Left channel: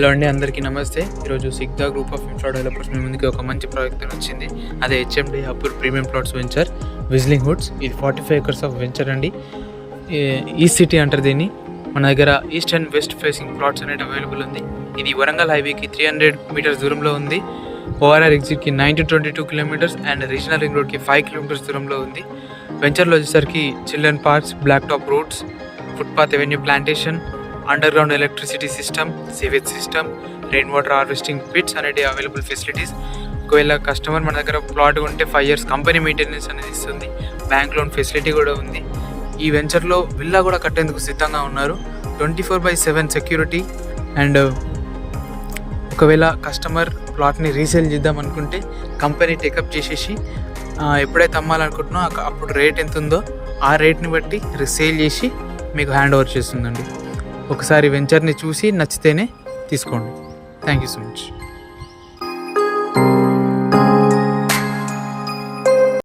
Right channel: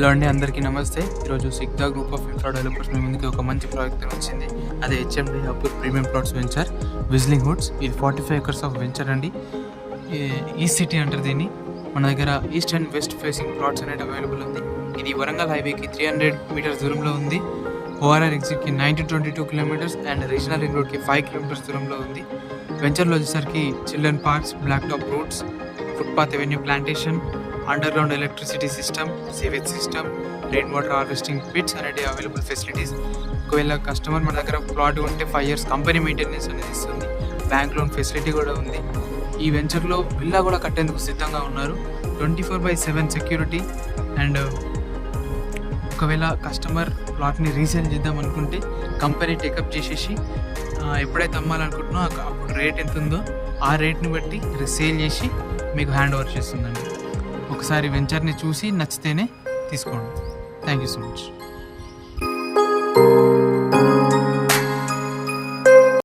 Hello అండి, అందరికీ నమస్తే. ఈరోజు Sigda group of infra developers మీ ముందుకి ఒక మంచి ప్రాజెక్ట్ వచ్చింది. అదే HMD Appur premium plots venture Whistling Woods. ఇది 45 acres ఆఫ్ వెంచర్ అండి. ఈస్ట్ సిటీ అంటారు దీన్ని. మన దగ్గర east and west facing plots అనేది అవైలబుల్ ఉంది. ఇది వరంగల్ హైవేకి 300 meters దూరంలో ఉంది. ఓఆర్ఆర్ ఎగ్జిట్కి 9 to 22 kilometers and regional ring రోడ్కి 5 kilometers దూరంలో ఉంది. వెంచర్లో వచ్చేసరికి children parks, black top roads, footpath avenue plantation, underground electricity system, sewage system, rain water harvesting pits అనేది అవైలబుల్ ఫెసిలిటీస్. ఒకవేళ కస్టమర్ మన దగ్గర ప్లాట్ ఉంటే 5 years కంపెనీ మెయింటెనెన్స్ అనేది ఇస్తుంది. బ్యాంక్ లోన్ ఫెసిలిటీ కూడా ఉంది. ఈ వెంచర్లో విల్లా కూడా కట్టేందుకు సిద్ధంగా ఉన్నారు. 24/7 సెక్యూరిటీ. అండ్ ఒకవేళ కస్టమర్ ప్లాట్ని రీసేల్ చేద్దాం అనుకుంటే కంపెనీ టేకప్ చేసేసి ఎప్పుడైతే అమ్మాలనుకుంటున్నారో అప్పుడు రేట్ ఎంత ఉందో ఆ రేట్ని బట్టి సేల్ చేసి మీకు హ్యాండ్ ఓవర్ చేస్తుందండి. ఒకసారి వెంచర్ని చూసి నచ్చితేనే తీసుకోండి. Thank you so much.